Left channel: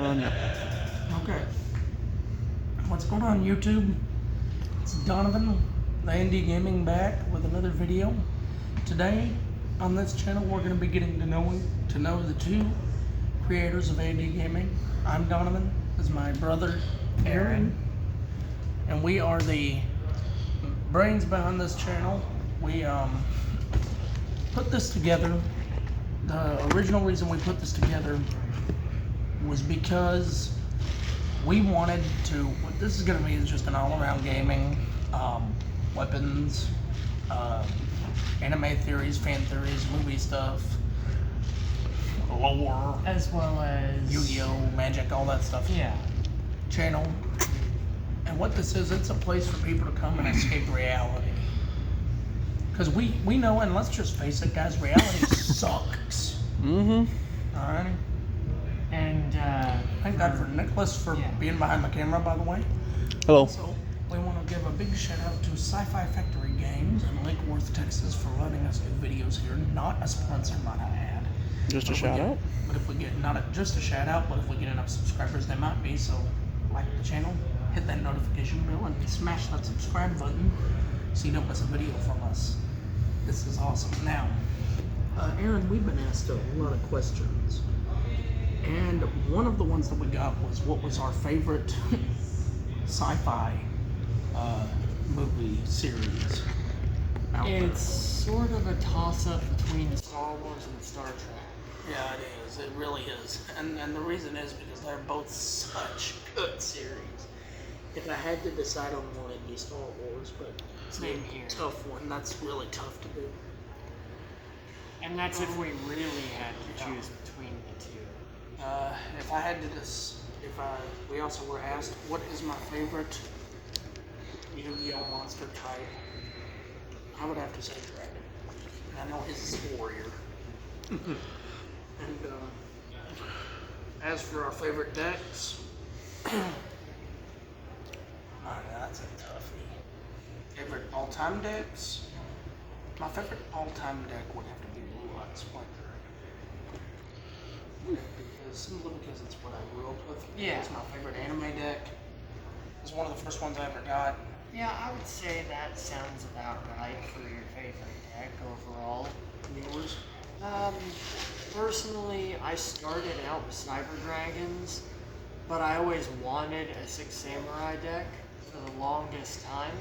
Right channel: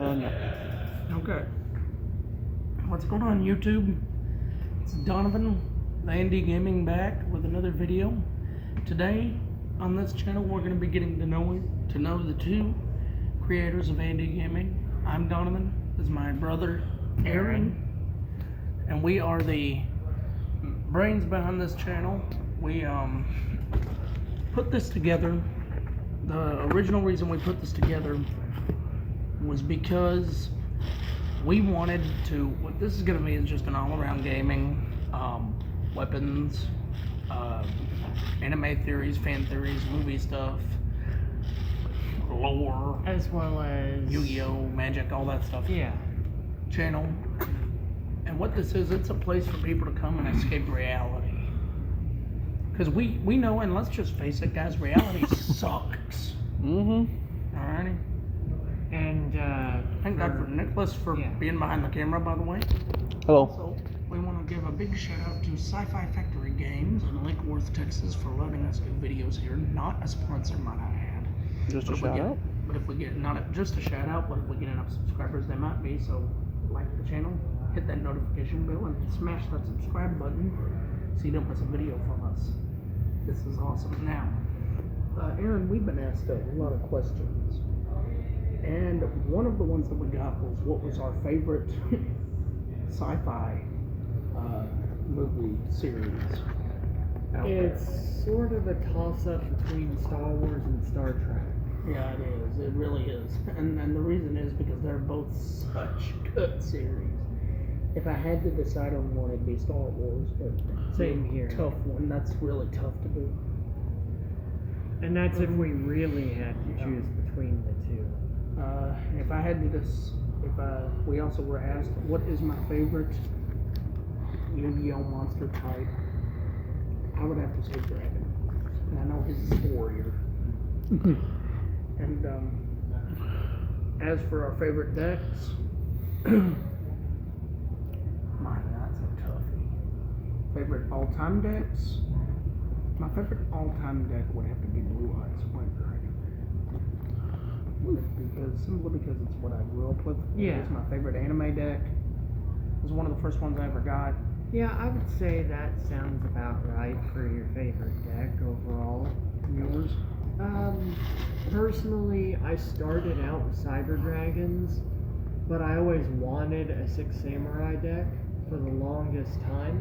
Okay. What's going on, YouTube? It's Donovan, the A.D.A Gaming, back with another video. Today, on this channel, we're going to be getting to know the two creators of A.D.A Gaming. I'm Donovan. This is my brother, Aaron. And we are the brains behind this channel. We put this together. The original reason we put this together was because we wanted to, what this is going to be is just an all-around gaming, weapons, anime theories, fan theories, movie stuff, lore, as well as Yu-Gi-Oh, Magic, all that stuff. Yeah. Channel. And what this is, it's a place for people to come and escape reality. Because we know, and let's just face it, guys, reality sucks. Mm-hmm. Alrighty. And Thank God for Nicholas for being behind the camera, by the way. Hello. So we want to give a big shout out to Sci-Fi Factory Games in Lake Worth, Texas, for letting us do videos here. Not a sponsor, might I add. Just a shout out. But if we get just a shout out, but if we get enough subscribers, they might be. So like the channel, hit that notification bell, and smash that subscribe button so you don't miss a video from us. This is awesome. Now, Aaron, we've been asked a lot of questions. And one of the ones that we got was, what was our favorite sci-fi movie series out it's sort of a toss-up between Star Wars and Star Trek. there? Yeah, it is. It really is. And the reason is because they're both such good series. If I had to decide on one, it'd be Star Wars, but Same here. Tough one. That's really tough to do. And that's if we really had to choose between the two. If I had to we also were asked, what is my favorite Yu-Gi-Oh monster type? I would have to say Dragon. And I know his is Warrior. And as for our favorite decks, my, that's a toughie. Favorite all-time decks? My favorite all-time deck would have to be Blue Eyes White Dragon. Simply because it's what I grew up with. Yeah. It's my favorite anime deck. It was one of the first ones I ever got. Yeah, I would say that sounds about right for your favorite deck overall. Yours? Personally, I started out with Cyber Dragons, but I always wanted a Six Samurai deck for the longest time.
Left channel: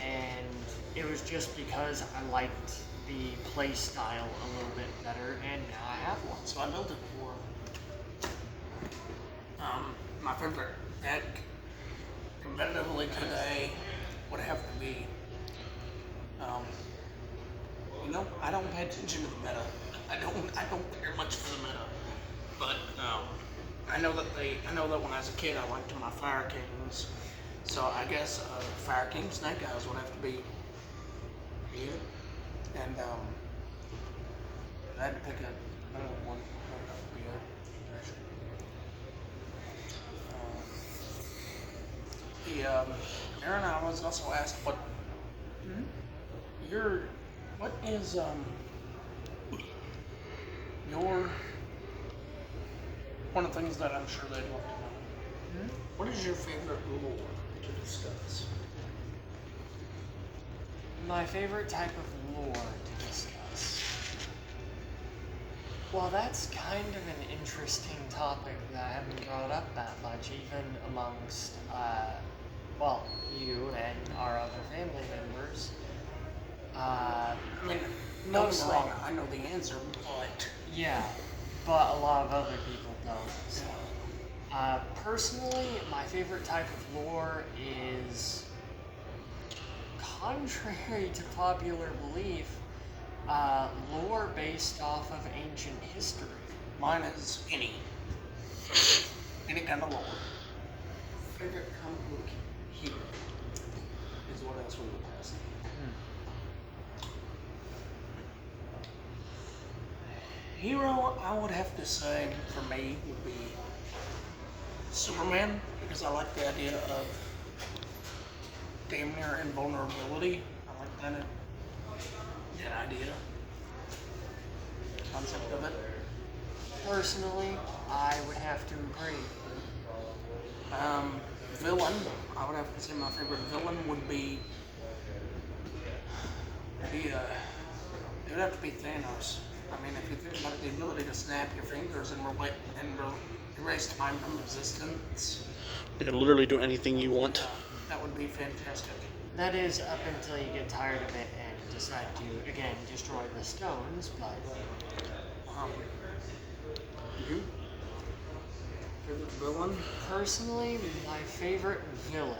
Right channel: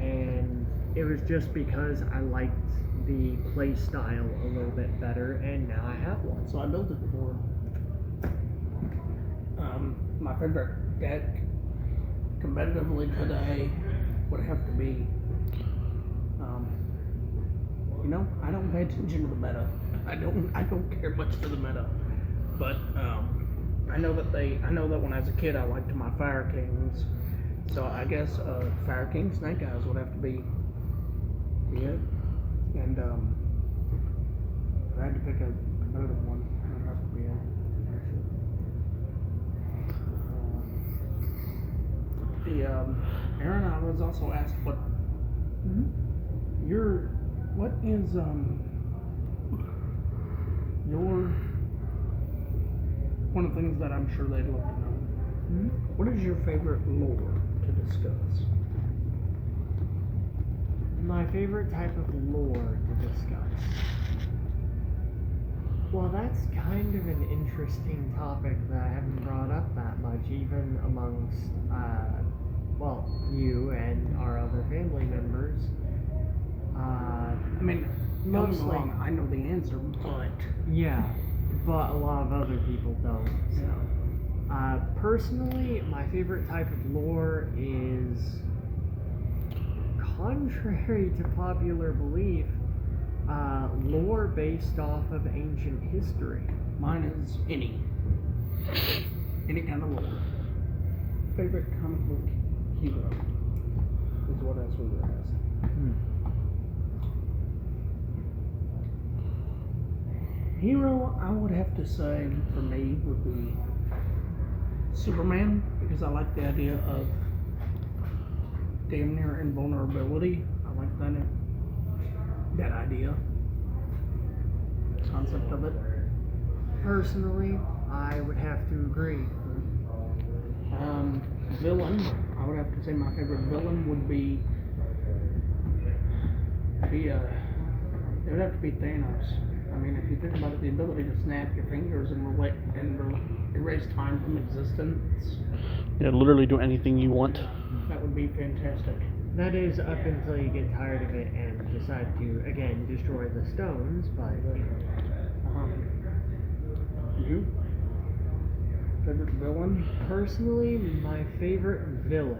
And it was just because I liked the play style a little bit better, and now I have one. So I built it for my favorite deck competitively today would have to be I don't pay attention to the meta. I don't care much for the meta. But I know that when I was a kid I liked my Fire Kings. So I guess Fire King Snake Eyes would have to be it. And if I had to pick another one, that would have to be it. Aaron, I was also asked what what is your one of the things that I'm sure they'd love to know. What is your favorite lore to discuss? My favorite type of lore to discuss. Well, that's kind of an interesting topic that I haven't brought up that much, even amongst, you and our other family members. I mean, don't get me wrong, I know the answer, but... Yeah, but a lot of other people don't. So. Personally, my favorite type of lore is... contrary to popular belief, lore based off of ancient history. Mine is any kind of lore. Favorite comic book hero is what else we would ask. Hero, I would have to say, for me, would be Superman, because I like the idea of damn near invulnerability. I like that idea, concept of it. personally, I would have to agree. Villain. I would have to say my favorite villain would be it would have to be Thanos. I mean, if you think about it, the ability to snap your fingers and erase time from existence, Yeah, literally do anything you want. that would be fantastic. That is up until you get tired of it and decide to, again, destroy the stones, but... You? Favorite villain? Personally, my favorite villain.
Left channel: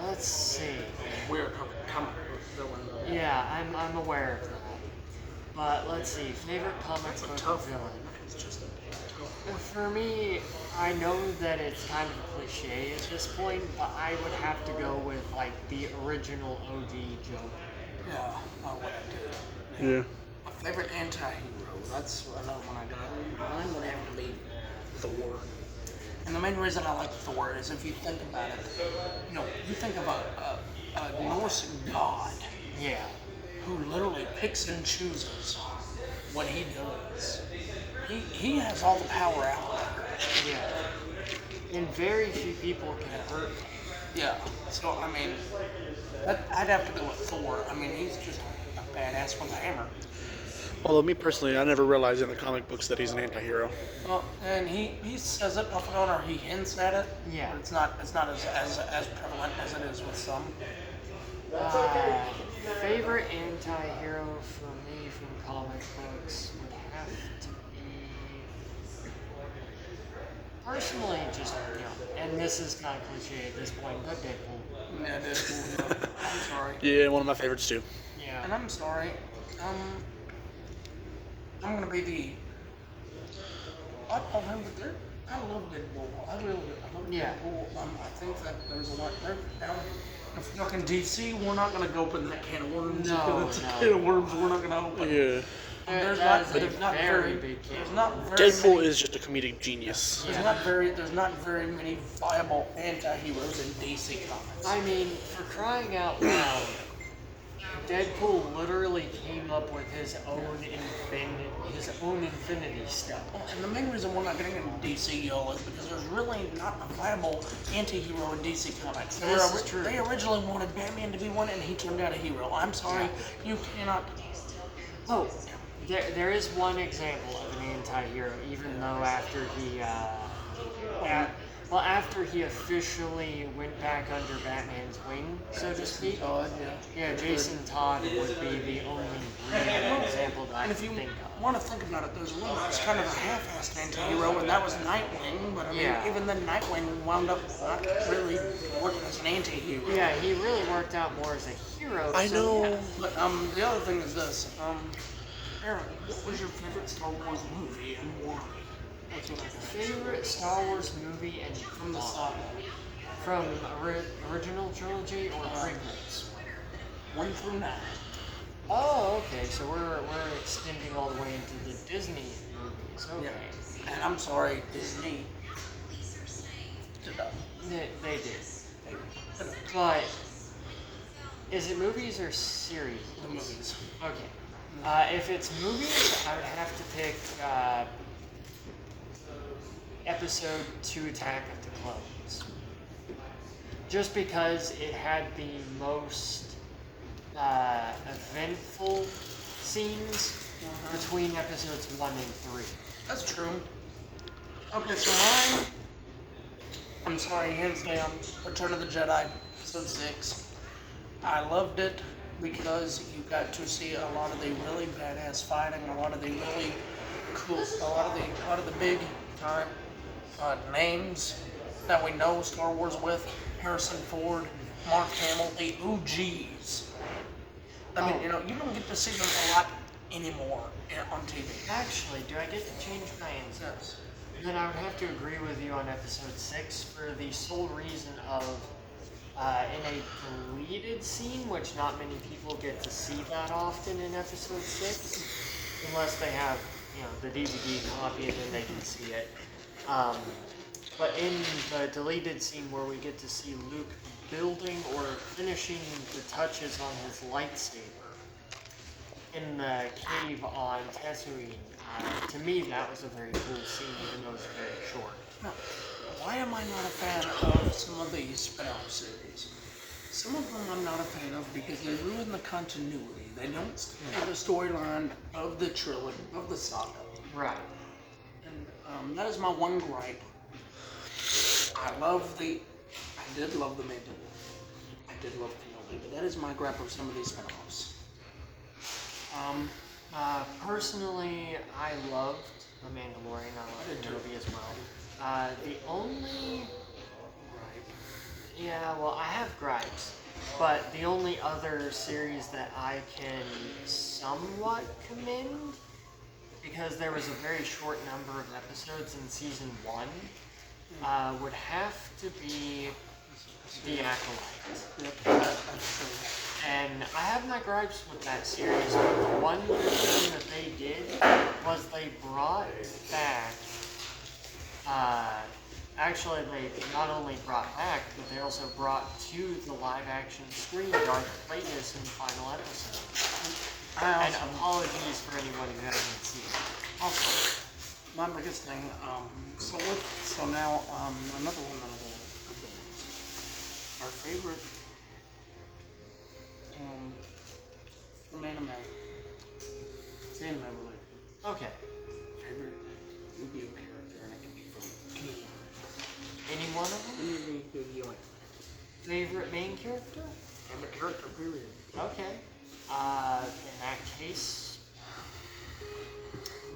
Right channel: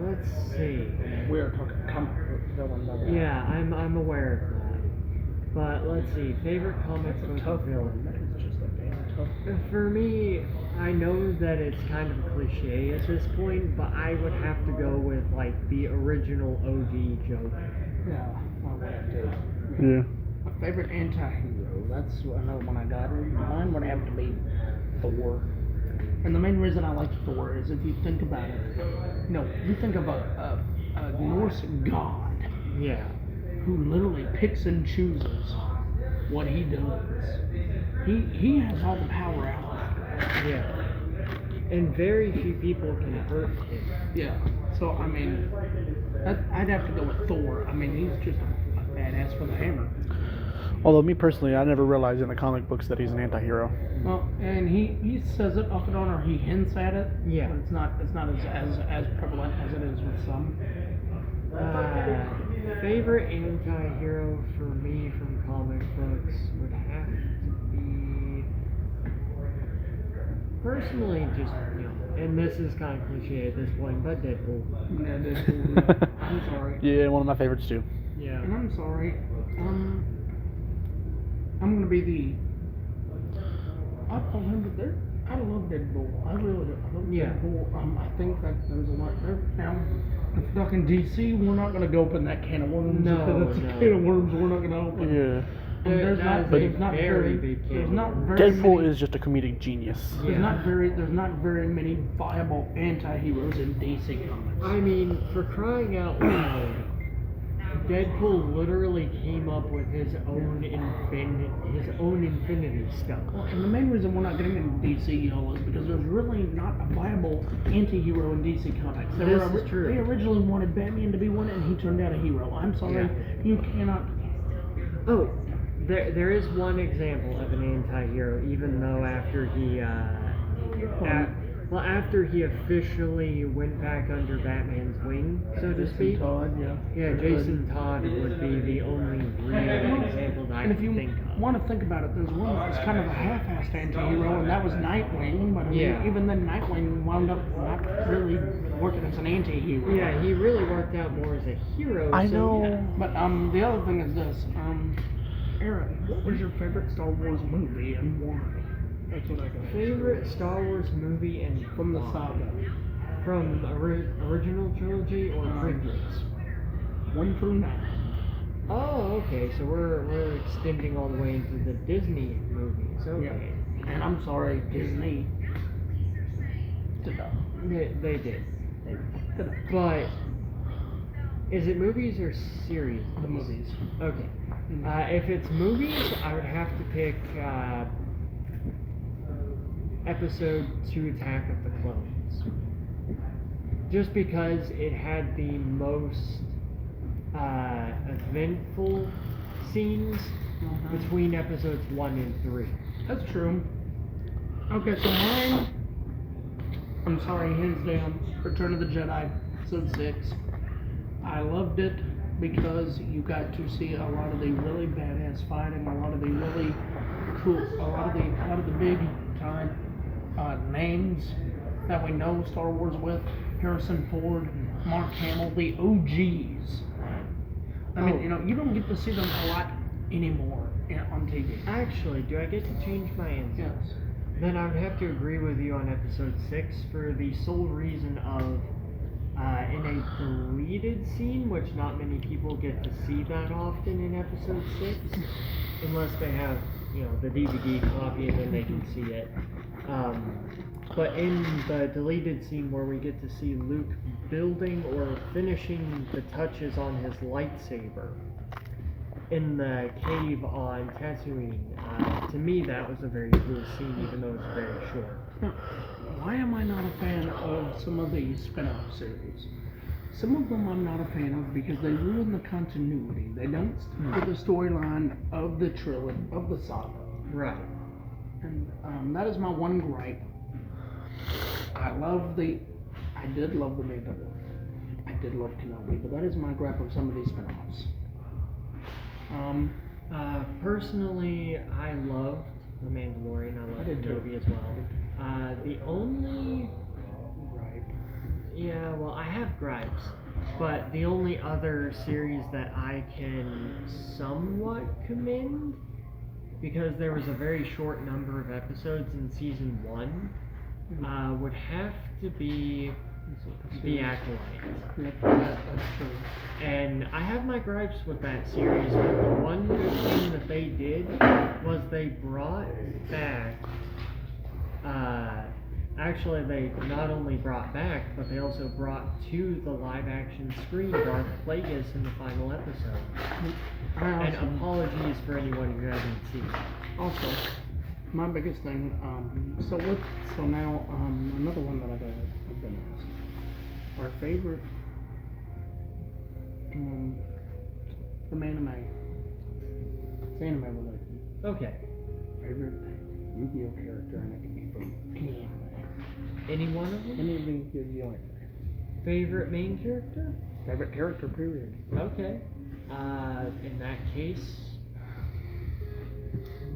Let's see. We're talking comic book villain. Though. Yeah, I'm aware of that. But let's see, favorite comic That's a book tough villain. one. It's just a damn tough one. For me, I know that it's kind of a cliche at this point, but I would have to go with like the original OG Joker. Yeah, I would have to. Yeah. My favorite anti-hero. That's another one I got. Mine would have to be Thor. And the main reason I like Thor is if you think about it, you think of a Norse god Yeah. who literally picks and chooses what he does. He has all the power out there. Yeah. And very few people can hurt him. Yeah. So I mean, I'd have to go with Thor. I mean, he's just a badass with a hammer. Although me personally, I never realized in the comic books that he's an anti-hero. Well, and he says it off and on, or he hints at it. Yeah. But it's not as prevalent as it is with some. Favorite anti-hero for me from comic books would have to be personally just and this is kind of cliche at this point, but Deadpool. Yeah, Deadpool. I'm sorry. Yeah, one of my favorites too. Yeah. And I'm sorry. I'm gonna be the oddball member there. I love Deadpool. I really do. I love Deadpool. I think that there's a lot there. Now, if we're talking DC, we're not gonna go open that can of worms. No, It's a no. can of worms we're not gonna open. Yeah. There's not very big can. There's not very Deadpool many, is just a comedic genius. There's not very many viable anti-heroes in DC comics. I mean, for crying out loud, Deadpool literally came up with his own Infinity Stone. Well, and the main reason we're not getting into DC, y'all, is because there's really not a viable anti-hero in DC Comics. This is true. They originally wanted Batman to be one, and he turned out a hero. I'm sorry, you cannot. Oh, there is one example of an anti-hero, even though after he, after he officially went back under Batman's wing, so to speak. Todd, Yeah, Jason Todd would be the only real example that I And can if you think of. want to think about it, there's one that was kind of a half-assed anti-hero, and that was Nightwing. But I mean, Yeah. even then, Nightwing wound up not really working as an anti-hero. Yeah, he really worked out more as a hero. I know. Yeah. But the other thing is this, Aaron, what was your favorite Star Wars movie and why? That's what I got. Favorite Star Wars movie and From the why? saga. From original trilogy or prequels? 1 through 9. Oh, okay. So we're extending all the way into the Disney movies. Okay. Yeah. And I'm sorry, Disney. They did. But is it movies or series? The movies. Okay. If it's movies, I would have to pick Episode 2, Attack of the Clones. Just because it had the most eventful scenes between episodes 1 and 3. That's true. Okay, so mine, I'm sorry, hands down, Return of the Jedi, episode 6. I loved it because you got to see a lot of the really badass fighting, a lot of the really cool, a lot of the big time names that we know Star Wars with. Harrison Ford, Mark Hamill, the OGs. I mean, you don't get to see them a lot anymore on TV. Actually, do I get to change my answer? Yes. Then I would have to agree with you on episode 6 for the sole reason of in a deleted scene, which not many people get to see that often in episode 6, unless they have, the DVD copy and then they can see it. But in the deleted scene where we get to see Luke building or finishing the touches on his lightsaber in the cave on Tatooine, To me, that was a very cool scene, even though it's very short. Now, why am I not a fan of some of these spin-off series? Some of them I'm not a fan of because they ruin the continuity. They don't stick with the storyline of the trilogy, of the saga. Right. And that is my one gripe. I did love the Mandalorian. I did love Kenobi, but that is my gripe of some of these spin-offs. Personally, I loved The Mandalorian. I loved did too. Kenobi as well. The only... Gripe. Yeah, well, I have gripes. But the only other series that I can somewhat commend, because there was a very short number of episodes in season 1, would have to be The Acolyte. Yep, that's true. And I have my gripes with that series, but the one good thing that they did was they brought back, actually they not only brought back, but they also brought to the live action screen Darth Plagueis in the final episode. And apologies for anyone who hasn't seen it. Also, my biggest thing, so now, another one that I've been asked. Our favorite, from anime. It's anime related. Okay. Favorite Yu-Gi-Oh character, and it can be from any anime. Any one of them? Any of the Yu-Gi-Oh anime. Favorite main character? Favorite character, period. Okay. In that case,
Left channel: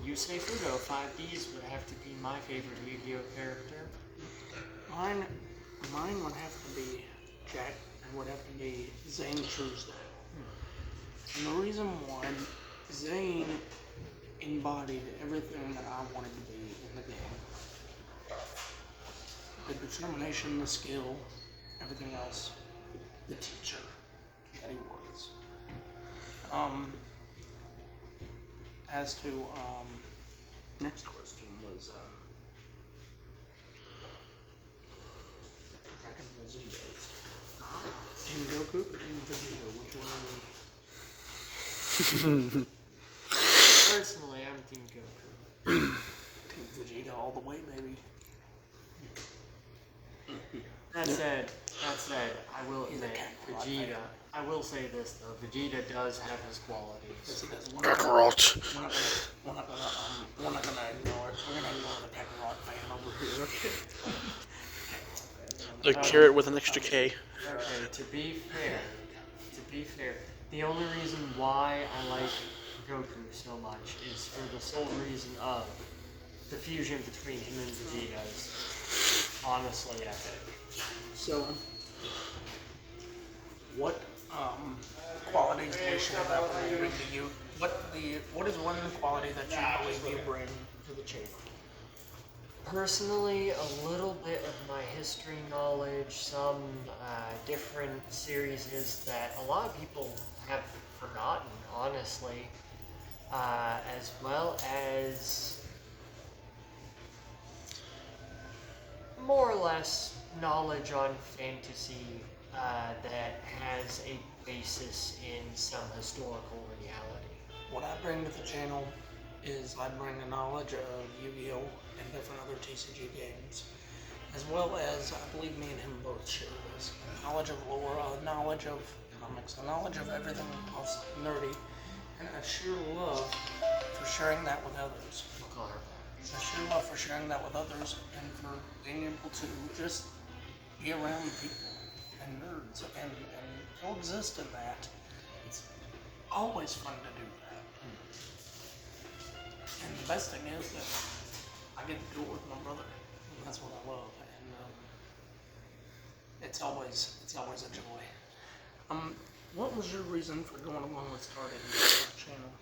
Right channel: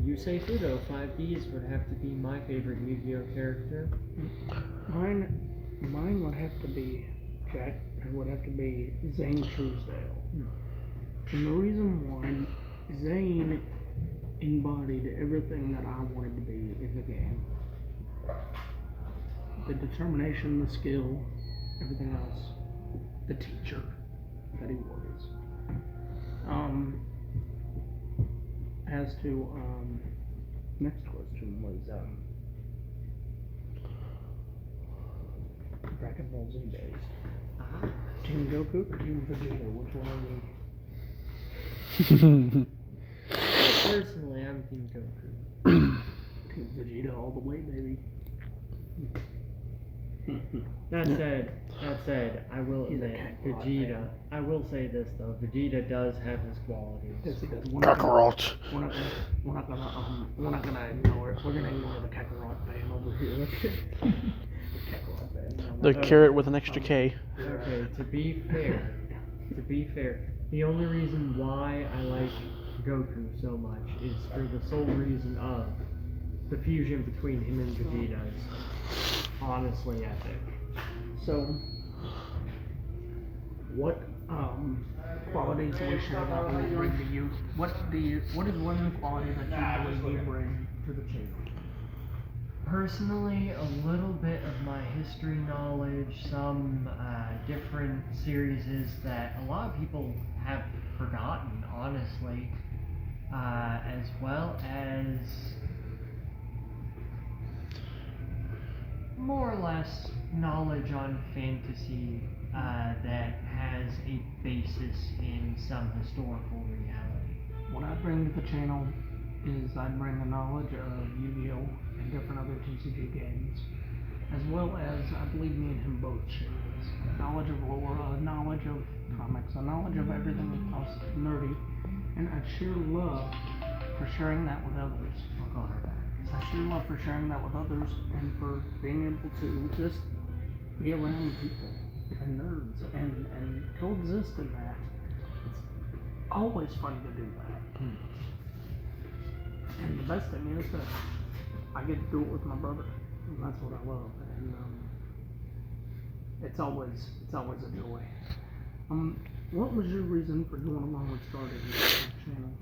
Yusei Fudo, 5Ds, would have to be my favorite Yu-Gi-Oh character. Mine would have to be Jack, and would have to be Zane Truesdale. And the reason why Zane embodied everything that I wanted to be in the game. The determination, the skill, everything else. The teacher that he was. As to, next question was, Dragon Ball Z days. Team Goku or Team Vegeta? Which one are we? Personally, I'm Team Goku. Team Vegeta all the way, baby. That said, I will He's a admit, Kakarot Vegeta. fan. I will say this though, Vegeta does have his qualities. Yes, he does. Kakarot. We're not gonna ignore it. We're gonna ignore the Kakarot fan over here, okay? The carrot with an extra K. Okay, to be fair, the only reason why I like Goku so much is for the sole reason of the fusion between him and Vegeta is honestly epic. So, what qualities do you share that when you bring to you? What is one quality that you believe you bring to the table? Personally, a little bit of my history knowledge, some different series that a lot of people have forgotten, honestly, as well as more or less knowledge on fantasy that has a basis in some historical reality. What I bring to the channel is I bring a knowledge of Yu-Gi-Oh! And different other TCG games, as well as, I believe me and him both share this, a knowledge of lore, a knowledge of comics, a knowledge of everything else nerdy, and a sheer love for sharing that with others. A sheer love for sharing that with others, and for being able to just be around people and nerds and coexist in that. It's always fun to do that. And the best thing is that I get to do it with my brother, and that's what I love. And it's always a joy. What was your reason for going along with starting this channel?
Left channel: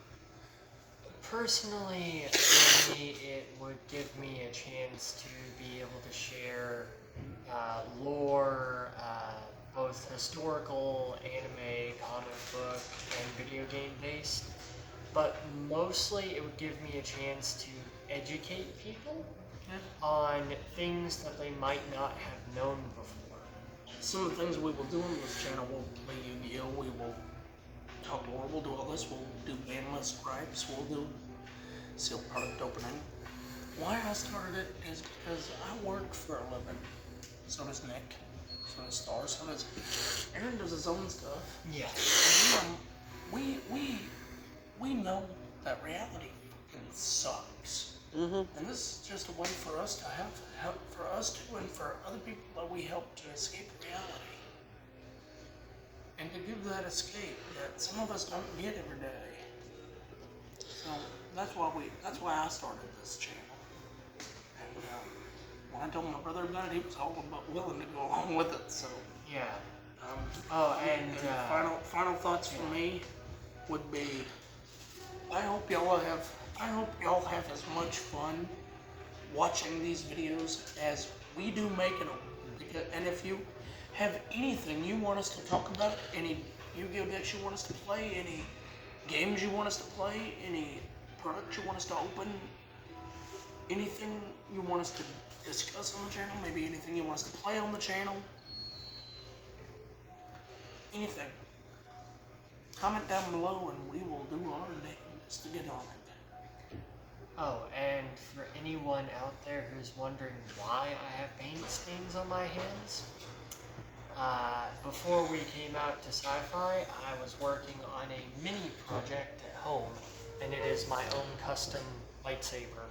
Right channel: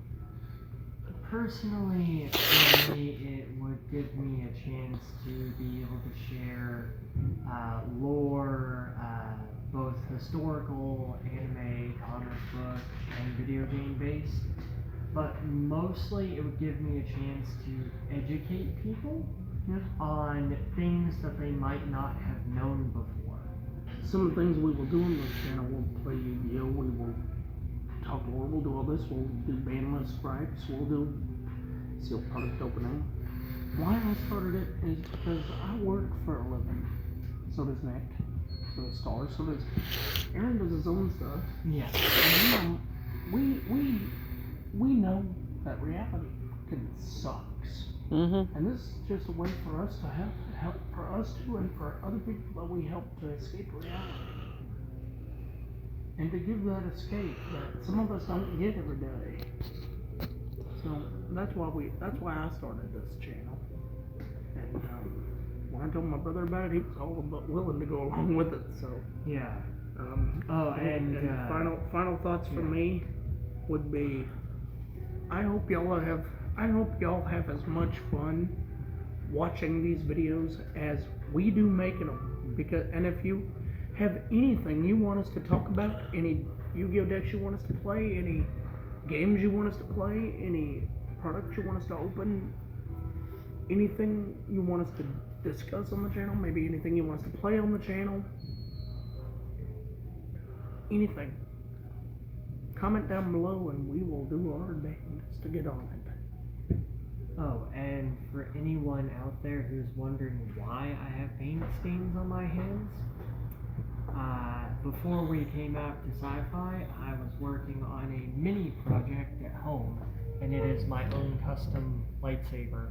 Personally, for me, it would give me a chance to be able to share lore, both historical, anime, comic book, and video game based. But mostly it would give me a chance to educate people on things that they might not have known before. Some of the things we will do on this channel, we'll play Yu-Gi-Oh! We will talk lore, we'll do all this, we'll do bandless gripes, we'll do sealed product opening. Why I started it is because I work for a living. So does Nick. So does Star. So does Aaron. Does his own stuff. Yeah. And we know that reality fucking sucks. And this is just a way for us to have help for us to and for other people that we help to escape reality. And to give that escape that some of us don't get every day. So that's why I started this channel. And when I told my brother about it, he was all but willing to go along with it. So Yeah. and final thoughts from me would be, I hope y'all have as much fun watching these videos as we do making them. And if you have anything you want us to talk about, any Yu-Gi-Oh decks you want us to play, any games you want us to play, any products you want us to open, anything you want us to discuss on the channel, maybe anything you want us to play on the channel, anything, comment down below and we will do our damnedest to get on it. Oh, and for anyone out there who's wondering why I have paint stains on my hands, before we came out to Sci-Fi, I was working on a mini project at home, and it is my own custom lightsaber.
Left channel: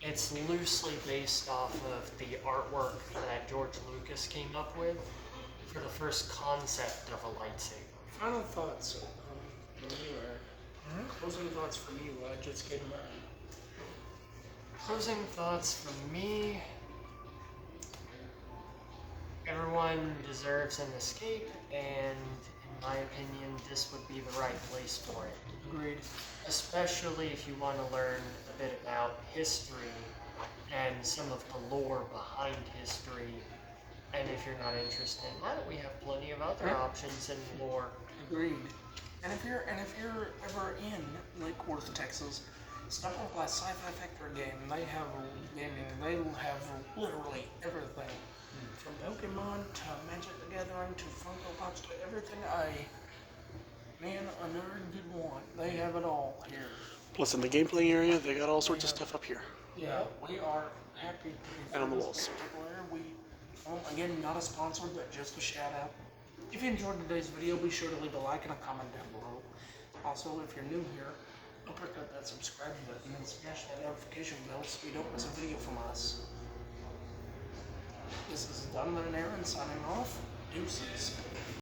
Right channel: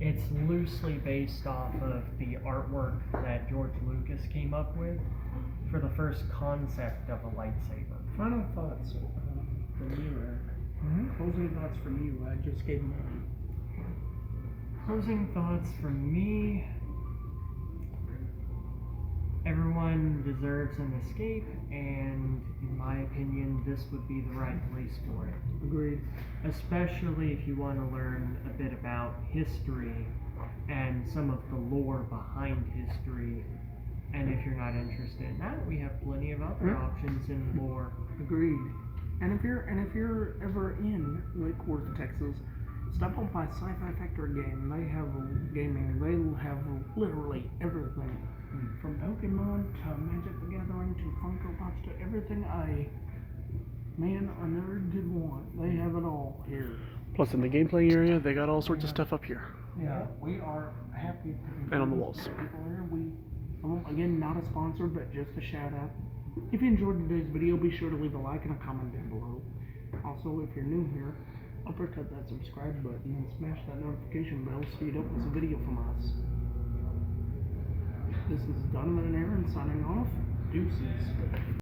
It's loosely based off of the artwork that George Lucas came up with for the first concept of a lightsaber. Final thoughts from you, Eric. Closing thoughts from you. I just gave mine. Closing thoughts from me. Everyone deserves an escape, and in my opinion, this would be the right place for it. Agreed. Especially if you want to learn a bit about history and some of the lore behind history. And if you're not interested in that, we have plenty of other options and lore. Agreed. And if you're ever in Lake Worth, Texas, stop on by Sci-Fi Factory Game. They have gaming. They will have literally everything, from Pokemon to Magic the Gathering to Funko Pops to everything a nerd could want. They have it all here. Plus, in the game playing area, they got all sorts of stuff up here. Yeah, we are happy to be And on the friends walls. with people here. Well, again, not a sponsor, but just a shout out. If you enjoyed today's video, be sure to leave a like and a comment down below. Also, if you're new here, uppercut that subscribe button and smash that notification bell so you don't miss a video from us. This is Donovan and Aaron signing off. Deuces.